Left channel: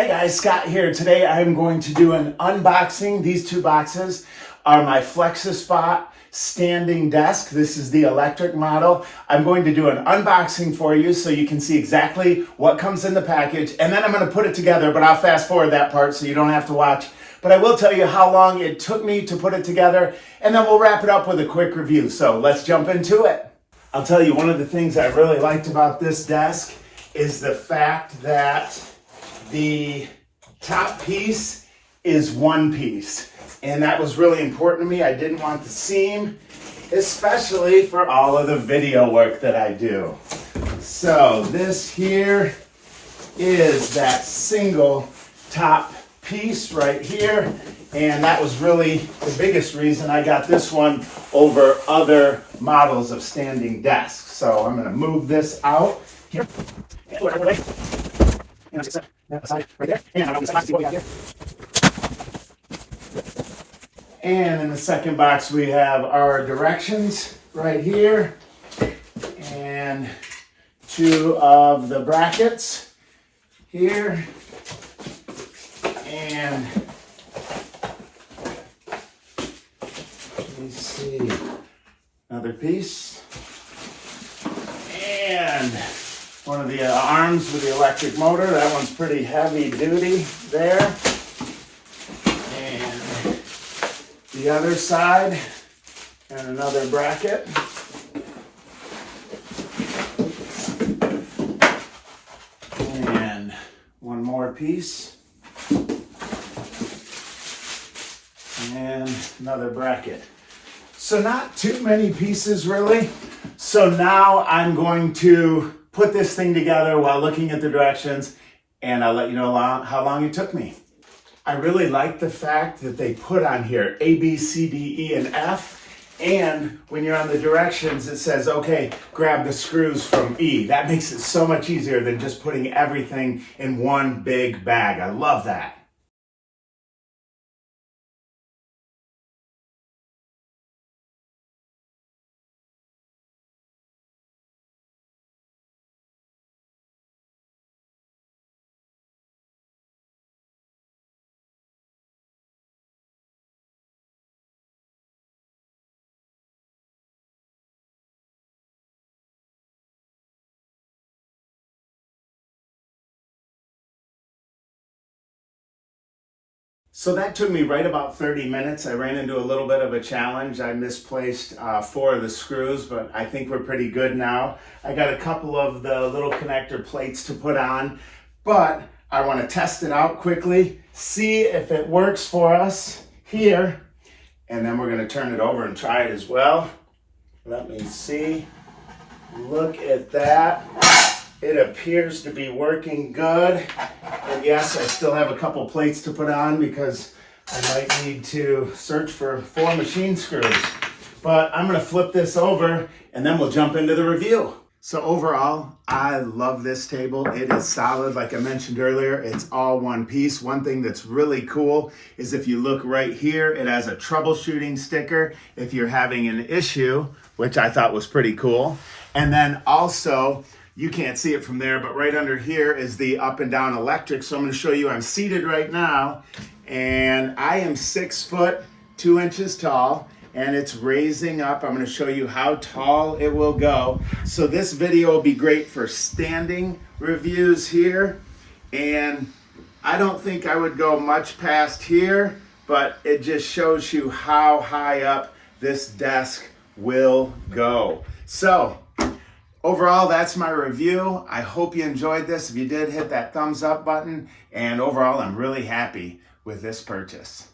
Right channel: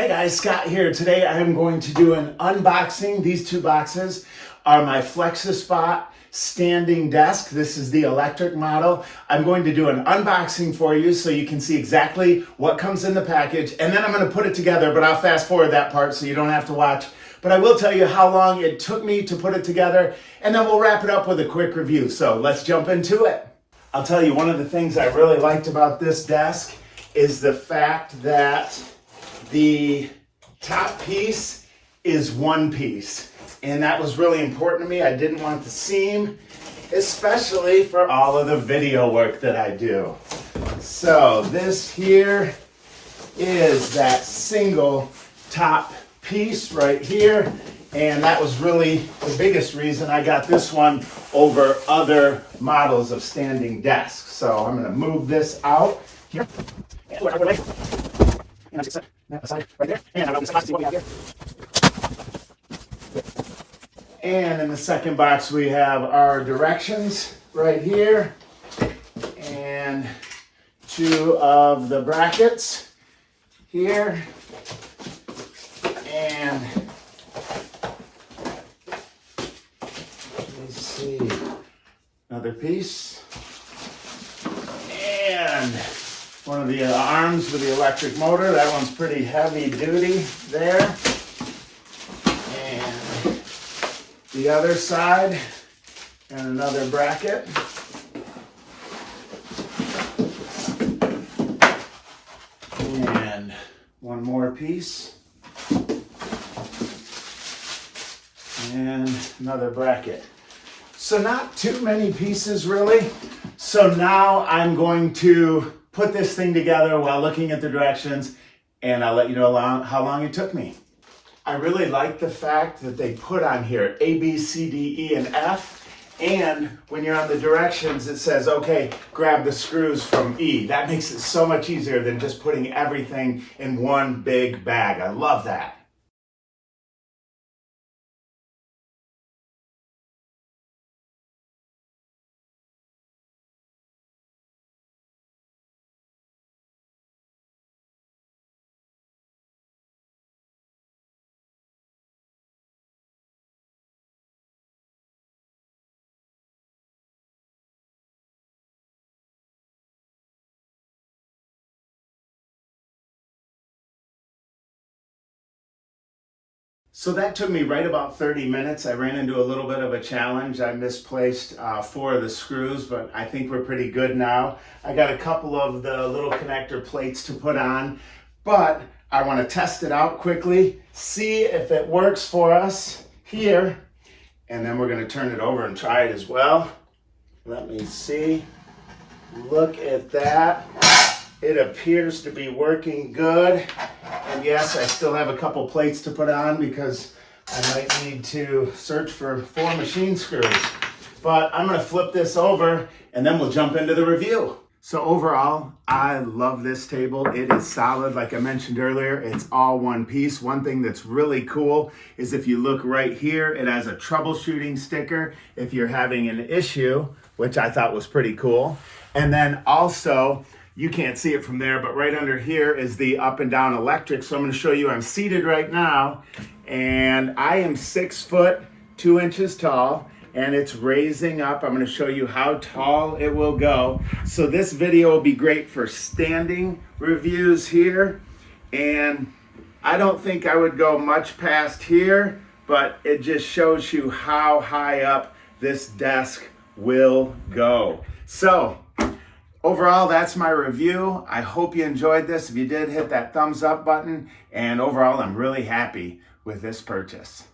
Hey guys, Scott here. Today I'm going to do an unboxing. These two boxes are my FlexiSpot Standing Desk. This is the electric model. I'm going to do an unboxing for you so you can see exactly what comes in the package, and then I'm going to put it together, but I'll fast forward that part so you don't have to watch. But I will tell you how long it took me to put it together, and then we'll wrap it up with a quick review. So let's jump into it. I'll tell you, one of the things I really liked about this desk is the fact that the top piece is one piece, and that was really important to me. I didn't want the seam, especially for all of the video work that I do. So this here is that single top piece right here, and that was really the biggest reason I got this one over other models of standing desks. So I'm going to move this out here. Aside right there, and I'm going to see what we have here. And in the second box we have our directions right here, and two of the brackets here, and let me see, another piece, and one of the arms with the electric motor. That one's pretty heavy duty there. And the other side, and another bracket. And one more piece. And another bracket. So not too many pieces really. So now I'm going to put this thing together while looking at the directions, and I'll let you know how long it took me. I really like the fact that they put on here A, B, C, D, E, and F, and when you're on the directions it says, okay, grab the screws from E. That makes it so much easier than just putting everything in one big bag. I love that. So that took me right about 30 minutes. I ran into a little bit of a challenge. I misplaced 4 of the screws, but I think we're pretty good now. I got a couple of the little connector plates to put on, but I want to test it out quickly, see if it works for us here, and then we're going to turn it over and try it as well. Let me see. Look at that. It appears to be working good. And yes, I still have a couple plates to put on because I might need to search for 4 machine screws. But I'm going to flip this over and then we'll jump into the review. So overall, I love this table. It is solid. Like I mentioned earlier, it's all one piece. One thing that's really cool is if you look right here, it has a troubleshooting sticker if you're having an issue, which I thought was pretty cool. And then also, you can't see it from there, but right under here is the up and down electric. So I'm going to show you, I'm seated right now, and I am 6 foot 2 inches tall, and it's raising up. I'm going to show you how tall it will go. So this video will be great for standing reviews here, and I don't think I would go much past here, but it just shows you how high up this desk will go. So overall, that's my review. I hope you enjoyed this. If you did, hit that thumbs up button. And overall, I'm really happy with this purchase.